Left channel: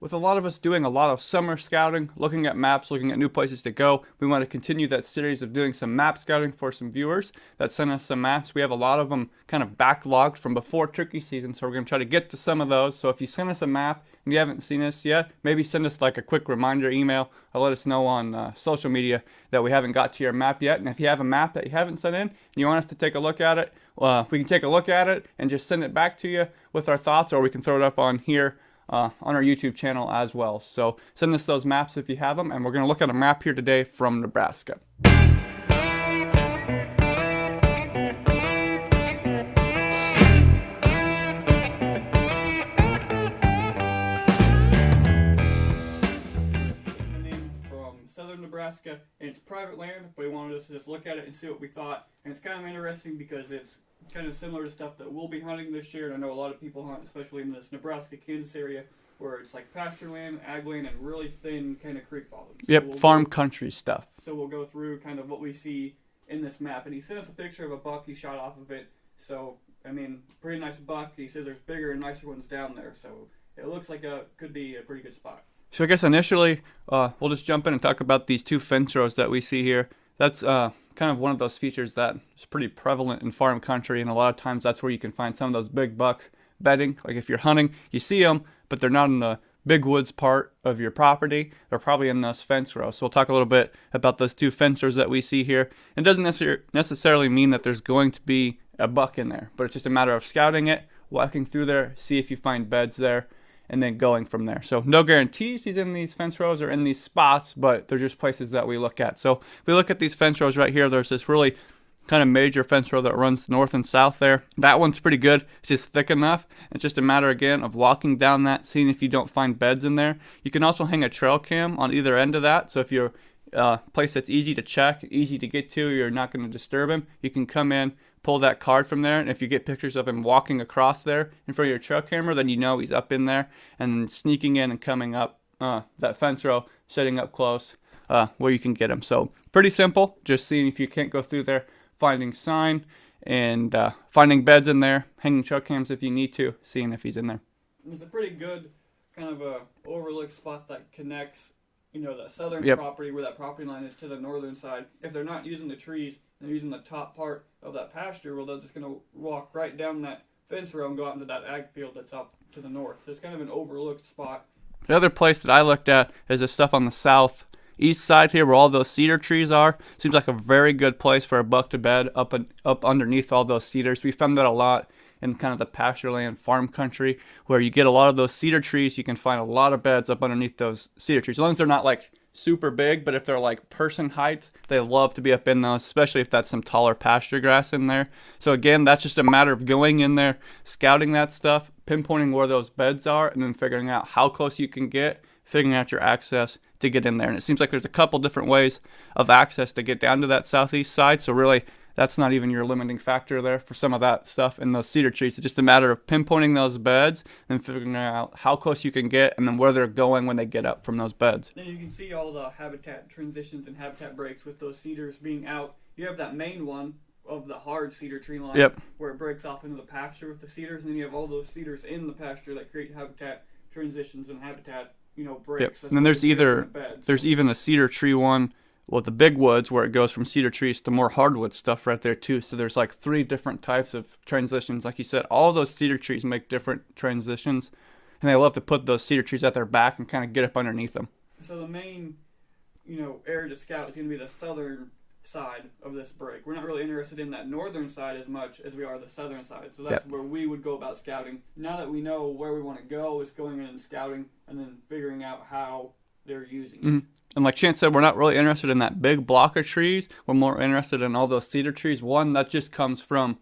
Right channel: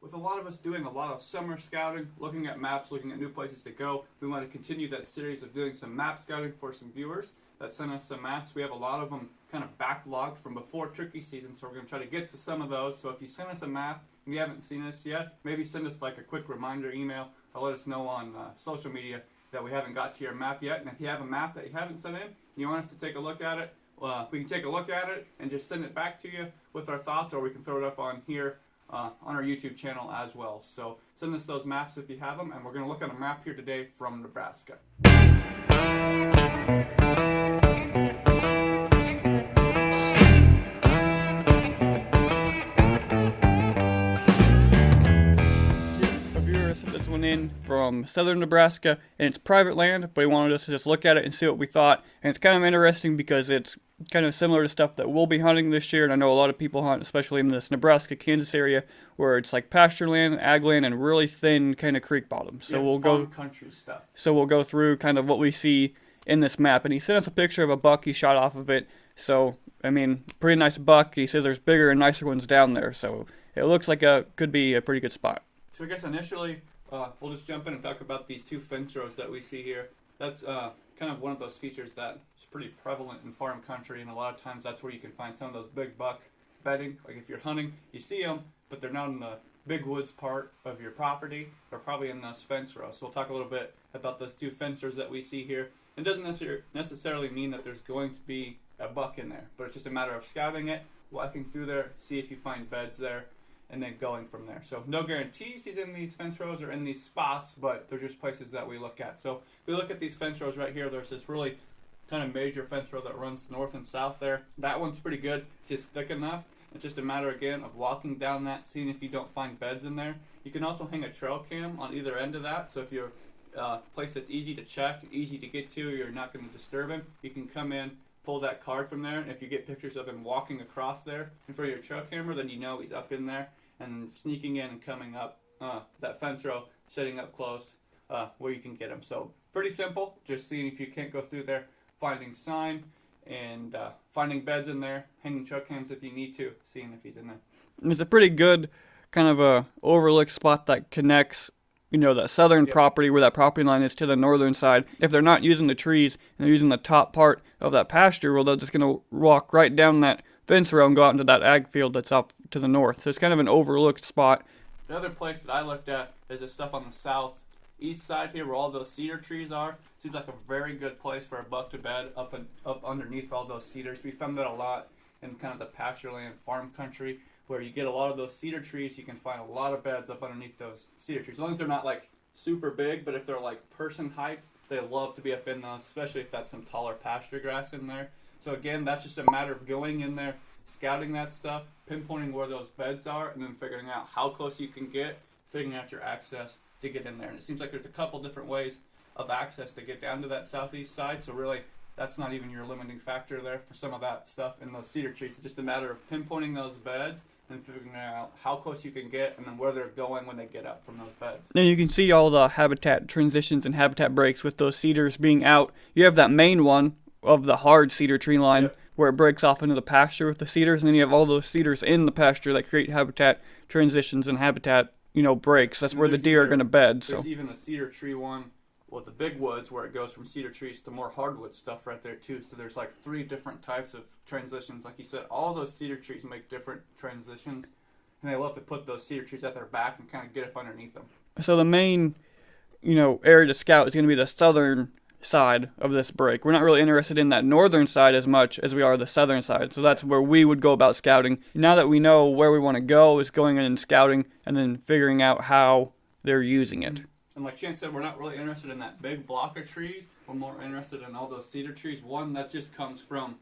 With a lot of us doing a lot of summer scouting, looking at maps, looking at new places to go, we want to continue that series of doing some map scouting for some viewers that sent us some maps. We have a lot of them kind of backlogged from before turkey season, so we're going to try to get to some of those. So if you send us a map and you haven't seen us yet, maybe send us like a quick reminder email or let us know on social media that we haven't got to your map yet. And if you have a map that you haven't sent in and you want us to take a look at it, we can take a look at it and just send it back to you with our thoughts, or we can throw it up on here on our YouTube channel as well. So send us those maps if you have them, and we're going to look at a map here today from Nebraska. This one in from southern Nebraska, and it's private land, but he wanted us to just look at it and see what we thought. And it's kind of interesting because it's kind of similar to stuff that we'll be hunting this year, and I know a lot of people hunt, especially in this Nebraska, Kansas area, where it's like pasture land, ag land, and really thin kind of creek bottom. So yep, farm country stuff. So we'll go through kind of what we see in this map, and he sent us a picture of a buck he shot off of it. So, I mean, pretty nice buck. He says there's bigger and nicer ones down there, so it looks like could be a pretty good spot. So I guess initially, we'll just jump in and talk about these two fence rows that we see here. That's kind of one of those features that is pretty prevalent in farm country, and a lot of times that's where you can find some of those big bucks bedding. Like if you're hunting, you see them, but they're not in the big woods part of your property. They're probably in those fence rows. So we'll talk a little bit about those two fence rows that we see here. It doesn't necessarily mean that there's going to be a buck in there, but it's just a matter of scouting it, walking through there, see if you find beds there, and then going from there. So no guarantees he's in these fence rows or in these spots, but they're just places that we look at. So if we look at these fence rows right here, there's this really kind of major fence row that runs north and south there. That one's pretty good. It's just thick enough. It's just a matter, again, of walking down that, seeing if you don't find beds in there. You can also hang a trail cam on either end of that. So if you're a place that's easy to check, easy to get to, you're not going to disturb him, you can come in, pull that card from there, and if you get pictures of him walking across there in front of your trail camera, then you know he's up in there, and sneaking in and coming up that fence row, setting up close where you can get him. So pretty simple, just seeing if you can't go through there, finding sign, and finding beds in there, hanging trail cams if you need to, seeing if he's in there. And it's a pretty good kind of a overlook spot that connects, you know, that southern property where that property line is to the northern side. If they're not using the trees and they're using the top part of that pasture, well, they're just going to walk right down that fence row and go out into that ag field that's out to the north. So it's kind of an overlooked spot. The other place that I looked at is the stuff on the southeast side here where all those cedar trees are. Seems like a very good place for a buck to bed up underneath all those cedars. We found that a lot in kind of the pasture land farm country where you get a lot of those cedar trees. You can find a lot of beds up underneath those cedar trees, as long as they're not like super big, but if they're like person height, they love to be up in those, especially if that's some taller pasture grass in there. So again, that's just a matter of going in there, scouting that stuff, pinpointing where those beds are, and then figuring out how close you can get, figuring out your access to get in there. And it seems like there's a couple different ways of access to get down to that southeast side, so really that's not even your limiting factor there for some of that stuff in those cedar trees. It's just a matter of pinpointing those beds and figuring out how close you can get and then where they're going when they get up from those beds. Now you can see all the habitat transitions and habitat breaks with those cedars being out. You have that main one of the hard cedar tree line where it breaks off into the pasture with the cedars, and then you have all those cedars in the pasture that create habitat transitions and habitat, you know, breaks. That's where the deer are going to bed. There's even a cedar tree one with the big woods where it goes from cedar trees to more hardwood stuff right there too. So there's like 3 different types of transitions. Like you said, all those cedar trees make different transitions, and they love to put those cedar trees at their back and kind of get up underneath them. So the main, you know, area to scout is going to be the southern side of this break. We're not really interested in that northern side as much as we are the southern side. So that's where we would go about scouting. Now that we know where we want to go, is going in and scouting and then figuring out how they're using it. And like Chance said, we're not really interested in that big block of trees. We're more interested in all those cedar trees. One, that just comes from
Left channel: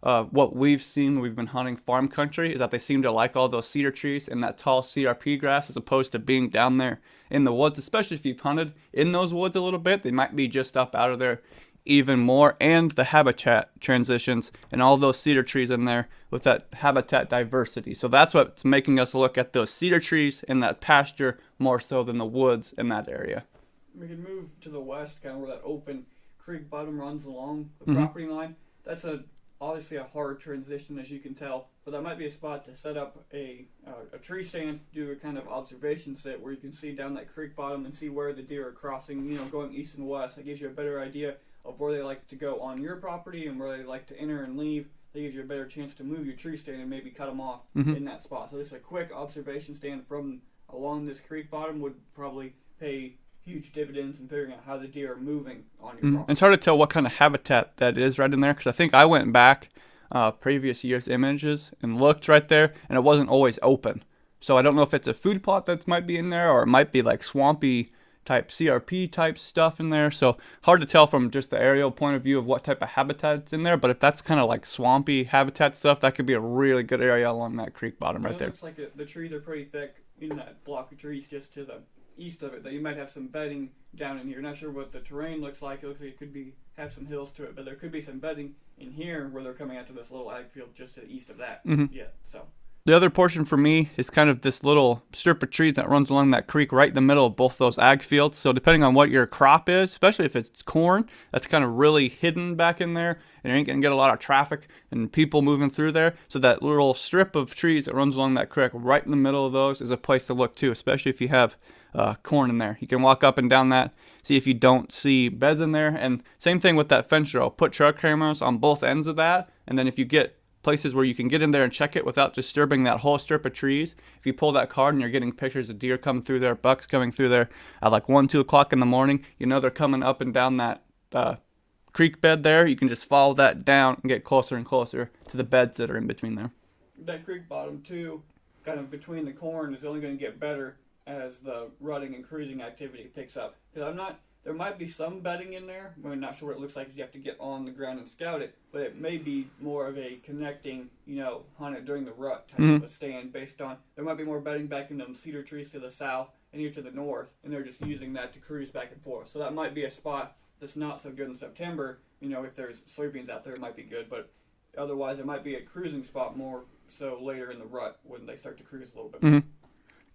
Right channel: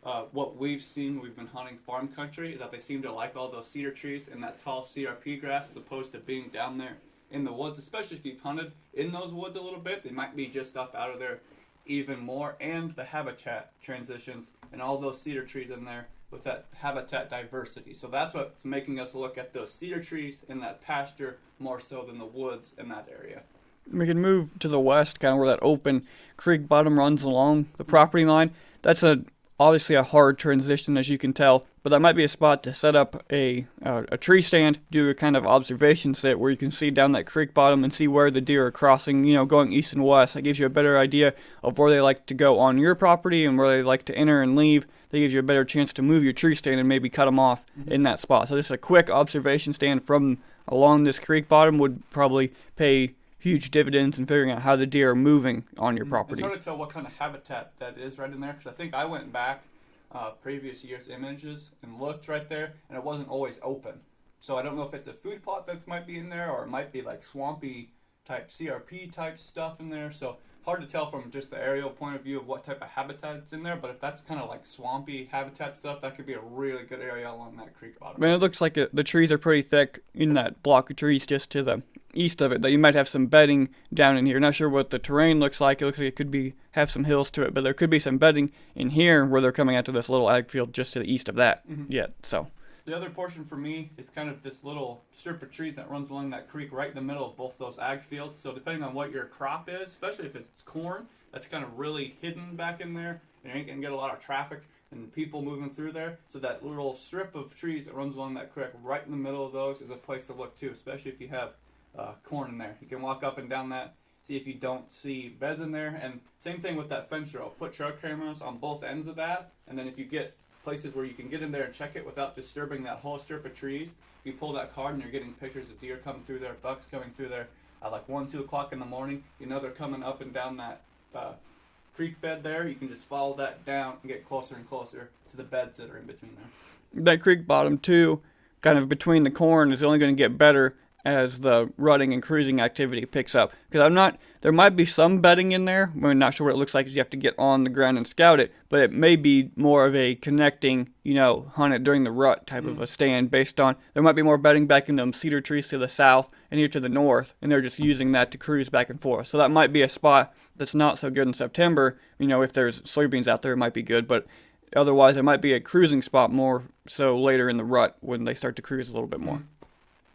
what we've seen. We've been hunting farm country, is that they seem to like all those cedar trees and that tall CRP grass as opposed to being down there in the woods. Especially if you've hunted in those woods a little bit, they might be just up out of there even more. And the habitat transitions and all those cedar trees in there with that habitat diversity. So that's what's making us look at those cedar trees in that pasture more so than the woods in that area. We can move to the west, kind of where that open creek bottom runs along the property line. That's obviously a hard transition, as you can tell. but that might be a spot to set up a tree stand, do a kind of observation sit where you can see down that creek bottom and see where the deer are crossing, going east and west. That gives you a better idea of where they like to go on your property and where they like to enter and leave. That gives you a better chance to move your tree stand and maybe cut them off in that spot. So just a quick observation stand from along this creek bottom would probably pay huge dividends in figuring out how the deer are moving on your property. It's hard to tell what kind of habitat that is right in there, because I think I went back previous year's images and looked right there, and it wasn't always open. So I don't know if it's a food plot that might be in there, or it might be like swampy type CRP type stuff in there. So hard to tell from just the aerial point of view of what type of habitat's in there. But if that's kind of like swampy habitat stuff, that could be a really good area along that creek bottom. It looks like the trees are pretty thick in that block of trees just to the east of it, that you might have some bedding down in here. Not sure what the terrain looks like. It looks like it could have some hills to it, but there could be some bedding in here where they're coming out to this little ag field just to the east of that yet. So the other portion for me is kind of this little strip of trees that runs along that creek right in the middle of both those ag fields. So depending on what your crop is, especially if it's corn, that's kind of really hidden back in there, and you ain't going to get a lot of traffic and people moving through there. So that little strip of trees that runs along that creek right in the middle of those is a place to look too, especially if you have corn in there. You can walk up and down that, see if you don't see beds in there. And same thing with that fence row. Put trail cameras on both ends of that, and then if you get places where you can get in there and check it without disturbing that whole strip of trees, if you pull that card and you're getting pictures of deer coming through there, bucks coming through there at like 1-2 o'clock in the morning, they're coming up and down that creek bed there. You can just follow that down and get closer and closer to the beds that are in between there. That creek bottom too, kind of between the corn, is only going to get better as the rutting and cruising activity picks up. Because there might be some bedding in there. We're not sure what it looks like because you have to get on the ground and scout it, but it may be more of a connecting, hunt it during the rut type of a stand based on, there might be more bedding back in them cedar trees to the south and here to the north, and they're just using that to cruise back and forth. So that might be a spot that's not so good in September. If there's soybeans out there, it might be good, but otherwise it might be a cruising spot more so later in the rut when they start to cruise a little bit more.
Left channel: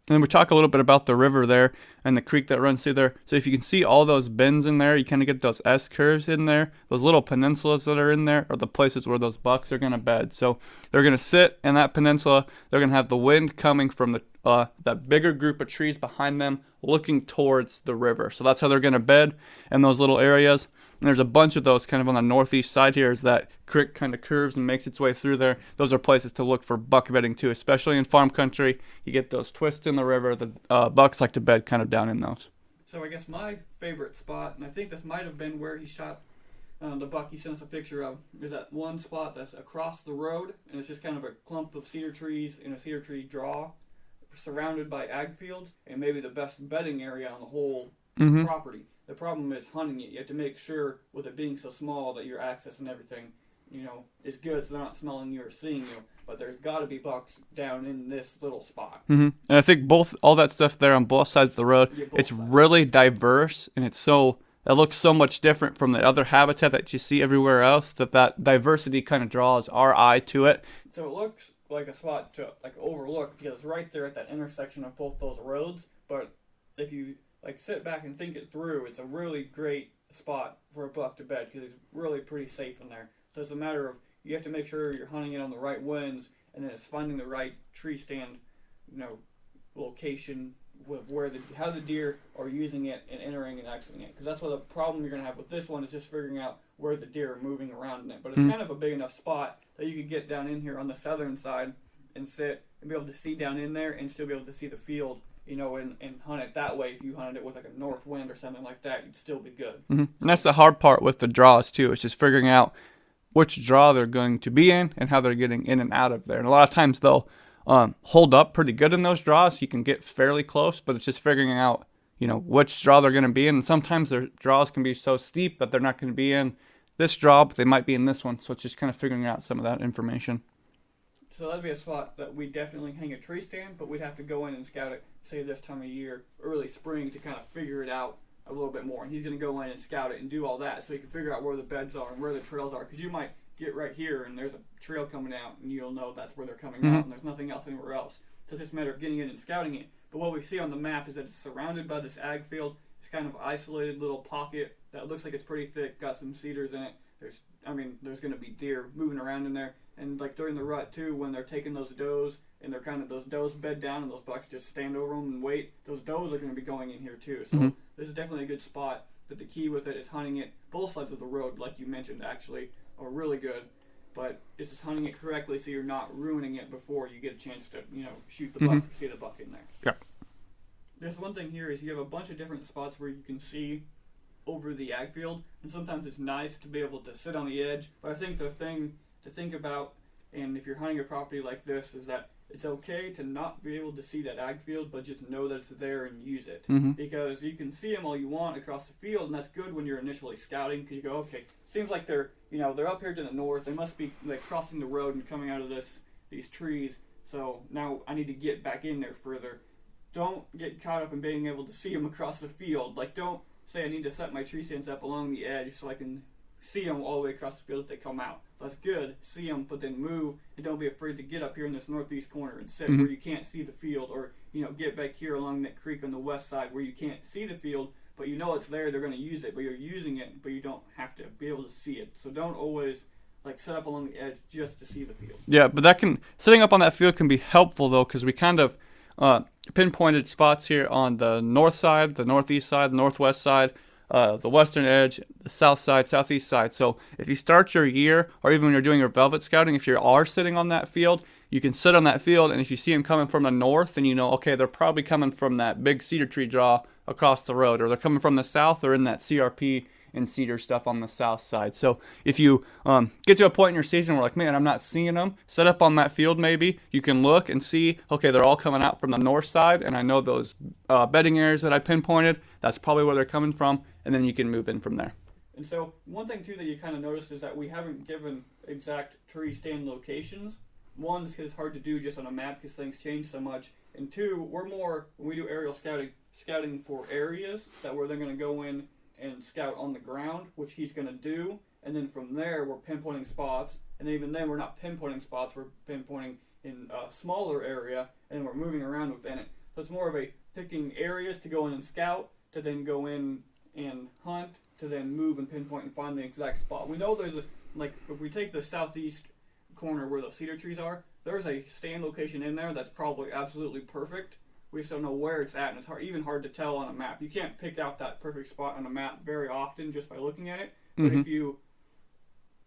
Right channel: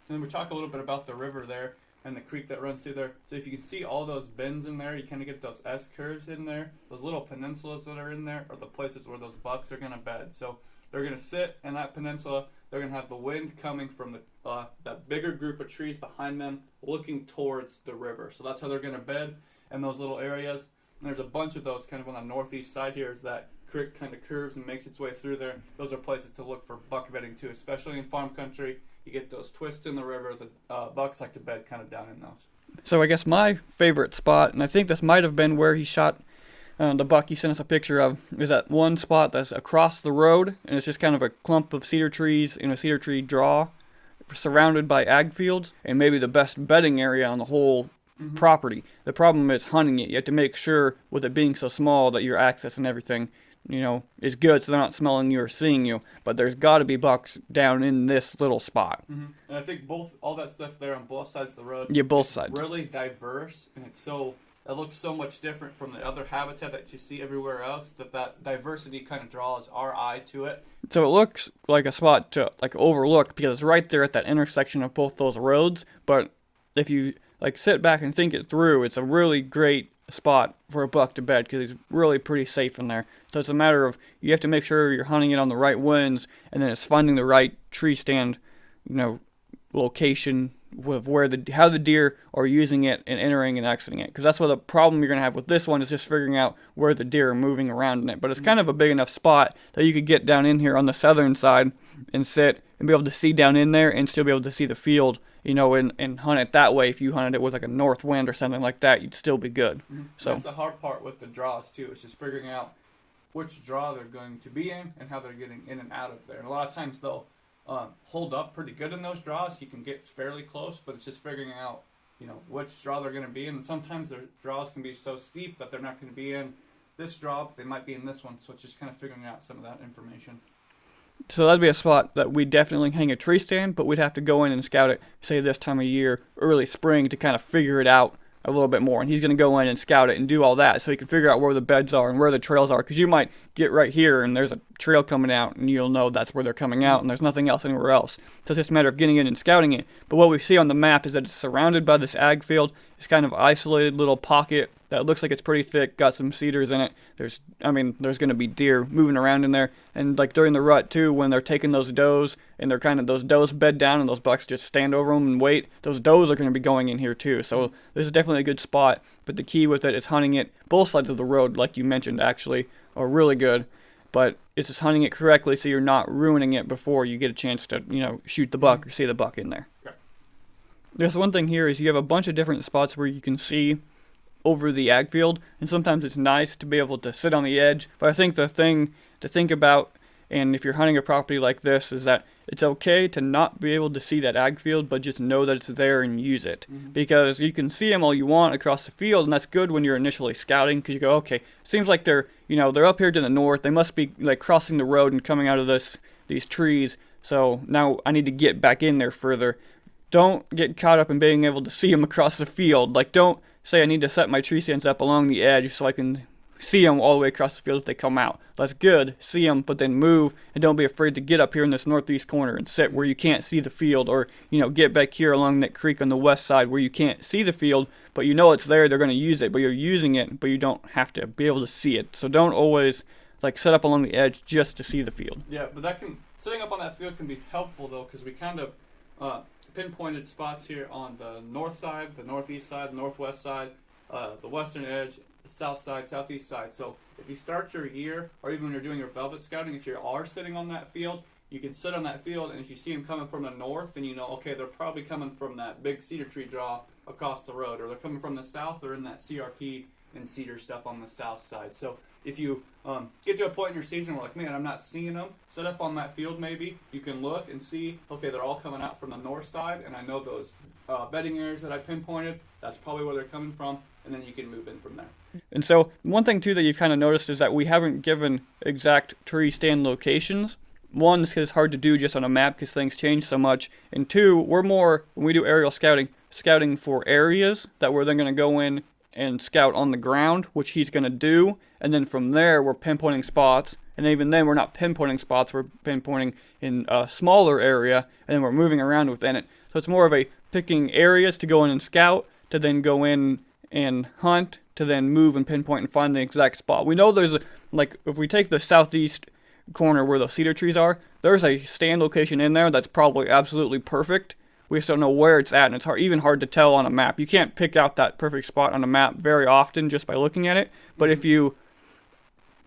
And we talk a little bit about the river there and the creek that runs through there. So if you can see all those bends in there, you kind of get those S-curves in there. Those little peninsulas that are in there are the places where those bucks are going to bed. So they're going to sit in that peninsula. They're going to have the wind coming from that bigger group of trees behind them looking towards the river. So that's how they're going to bed in those little areas. And there's a bunch of those kind of on the northeast side here as that creek kind of curves and makes its way through there. Those are places to look for buck bedding too, especially in farm country. You get those twists in the river. The bucks like to bed kind of down in those. So I guess my favorite spot, and I think this might have been where he shot the buck he sent us a picture of, is that one spot that's across the road, and it's just kind of a clump of cedar trees in a cedar tree draw surrounded by ag fields, and maybe the best bedding area on the whole property. The problem is hunting it. You have to make sure, with it being so small, that your access and everything, is good, so they're not smelling you or seeing you. But there's got to be bucks down in this little spot. And I think all that stuff there on both sides of the road, both sides. It's really diverse, and it looks so much different from the other habitat that you see everywhere else, that diversity kind of draws our eye to it. So it looks like a spot to overlook because it's right there at that intersection of both those roads. But if you sit back and think it through, it's a really great spot for a buck to bed because he's really pretty safe in there. So it's a matter of, you have to make sure you're hunting it on the right winds, and then it's finding the right tree stand, location with how the deer are using it and entering and exiting it. Because that's what the problem you're going to have with this one is just figuring out where the deer are moving around in it. But it's kind of a big enough spot that you could get down in here on the southern side and sit and be able to see down in there and still be able to see the field, and hunt it that way. If you hunted it with a north wind or something like that, you'd still be good. So that's the hard part with the draws too. It's just figuring out which draw they're going to be in and how they're getting in and out of there. And a lot of times they'll hold up pretty good in those draws. You can get fairly close, but it's just figuring out, which draw they're going to be in. And sometimes their draws can be so steep that they're not going to be in this draw, but they might be in this one. So it's just kind of figuring out some of that information. So that'd be a spot that we definitely hang a tree stand, but we'd have to go in and scout it, say this time of year, early spring, to kind of figure it out a little bit more. And he's going to go in and scout it and do all that so he can figure out where the beds are and where the trails are. Because you might get right here and there's a trail coming out and you'll know that's where they're coming out and there's nothing else anywhere else. So it's just a matter of getting in and scouting it. But what we see on the map is that it's surrounded by this ag field. It's kind of isolated little pocket that looks like it's pretty thick, got some cedars in it. there's going to be deer moving around in there. And like during the rut too, when they're taking those does and those does bed down and those bucks just stand over them and wait, those does are going to be going in here too. So this is definitely a good spot. But the key with it is hunting it. Both sides of the road, like you mentioned, actually are really good. But it's just hunting it correctly so you're not ruining it before you get a chance to, shoot the buck or see the buck in there. Yeah. There's one thing here is you have a bunch of different spots where you can see over the ag field, and sometimes it's nice to be able to sit on the edge. But I think the thing to think about, and if you're hunting a property like this, is that it's okay to not be able to see that ag field, but just know that it's there and use it. Because you can see them all you want across the field, and that's good when you're initially scouting, because you go, okay, seems like they're up here to the north. They must be like crossing the road and coming out of these trees. So now I need to get back in there further. Don't get caught up in being able to see them across the field. Like, don't say I need to set my tree stands up along the edge so I can see them all the way across the field if they come out. That's good. See them, but then move, and don't be afraid to get up here in this northeast corner and sit where you can't see the field, or get back here along that creek on the west side where you can't see the field, but you know it's there. They're going to use it, but you're using it, but you don't have to be able to see it. So don't always like set up along the edge just to see the field. Yeah, but setting up on that field can be helpful though, because we kind of pinpointed spots here on the north side, the northeast side, the northwest side, the western edge, the south side, southeast side. So if you start your year, or even when you're doing your velvet scouting, if you are sitting on that field, you can sit on that field, and if you see them coming from the north, then okay, they're probably coming from that big cedar tree draw across the road, or they're coming from the south, or in that CRP and cedar stuff on the south side. So if you get to a point in your season where like, man, I'm not seeing them, set up on that field maybe. You can look and see, okay, they're all coming out from the north side, and I know those bedding areas that I pinpointed, that's probably where they're coming from, and then you can move in from there. And so one thing too that you've kind of noticed is that we haven't given exact tree stand locations. One, because it's hard to do just on a map because things change so much. And two, we're more, when we do aerial scouting for areas that we're then going to go in and scout on the ground, which he's going to do. And then from there, we're pinpointing spots. And even then, we're not pinpointing spots. We're pinpointing in a smaller area, and then we're moving around within it. So it's more of a picking areas to go in and scout, to then go in and hunt, to then move and pinpoint and find the exact spot. We know there's if we take the southeast corner where the cedar trees are, there's a stand location in there that's probably absolutely perfect. We just don't know where it's at, and it's even hard to tell on a map. You can't pick out that perfect spot on a map very often just by looking at it. But if you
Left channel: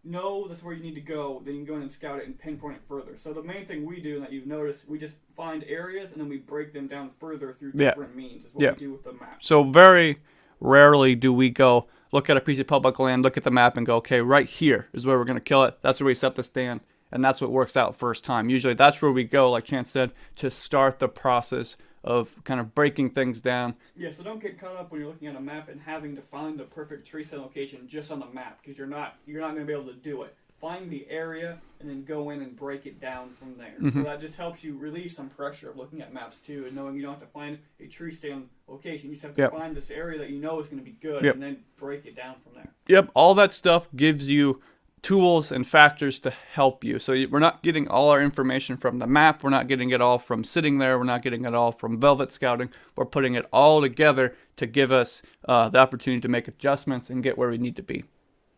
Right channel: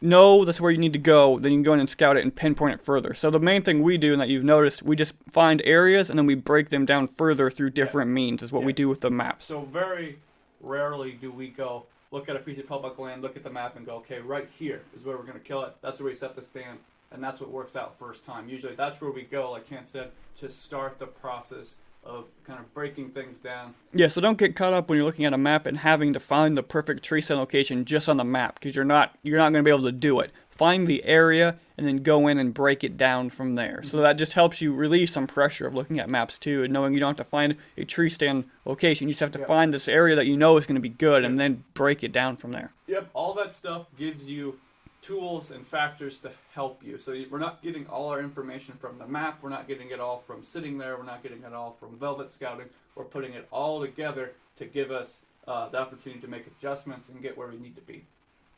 know that's where you need to go, then you can go in and scout it and pinpoint it further. So the main thing we do, and that you've noticed, we just find areas and then we break them down further through different means is what we do with the map. So very rarely do we go look at a piece of public land, look at the map and go, okay, right here is where we're going to kill it. That's where we set the stand. And that's what works out first time. Usually that's where we go, like Chance said, to start the process of kind of breaking things down. Yeah, so don't get caught up when you're looking at a map and having to find the perfect tree stand location just on the map, because you're not going to be able to do it. Find the area and then go in and break it down from there. So that just helps you relieve some pressure of looking at maps too, and knowing you don't have to find a tree stand location. You just have to find this area that you know is going to be good and then break it down from there. Yep, all that stuff gives you tools and factors to help you. So we're not getting all our information from the map. We're not getting it all from sitting there. We're not getting it all from velvet scouting. We're putting it all together to give us the opportunity to make adjustments and get where we need to be.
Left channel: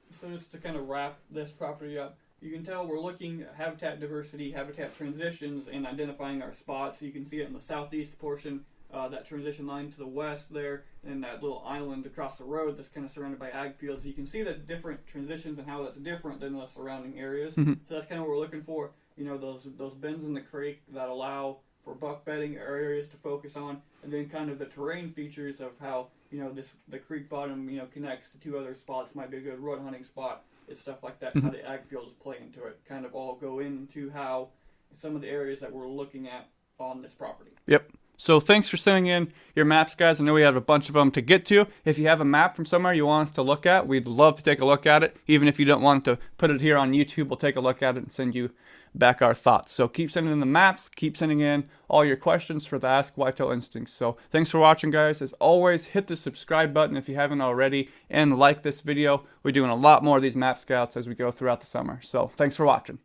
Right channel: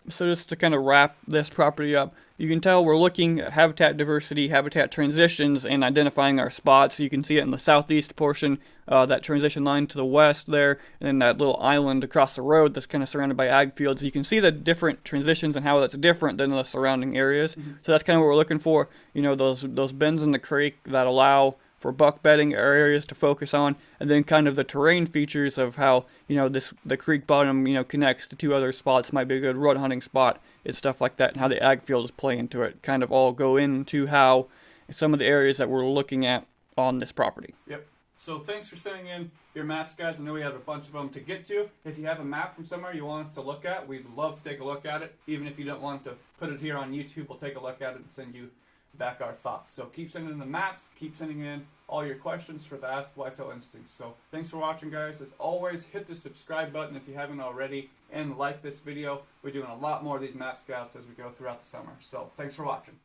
So just to kind of wrap this property up, you can tell we're looking at habitat diversity, habitat transitions, and identifying our spots. You can see it in the southeast portion, that transition line to the west there, and then that little island across the road that's kind of surrounded by ag fields. You can see the different transitions and how that's different than the surrounding areas. So that's kind of what we're looking for. Those bends in the creek that allow for buck bedding areas to focus on, and then kind of the terrain features of how the creek bottom connects to two other spots, might be a good rut hunting spot. It's stuff like that, and how the ag fields play into it kind of all go into how some of the areas that we're looking at on this property. Yep. So thanks for sending in your maps, guys. I know we have a bunch of them to get to. If you have a map from somewhere you want us to look at, we'd love to take a look at it. Even if you don't want to put it here on YouTube, we'll take a look at it and send you back our thoughts. So keep sending in the maps, keep sending in all your questions for the Ask Whitetail Instincts. So thanks for watching, guys. As always, hit the subscribe button if you haven't already, and like this video. We're doing a lot more of these map scouts as we go throughout the summer. So thanks for watching.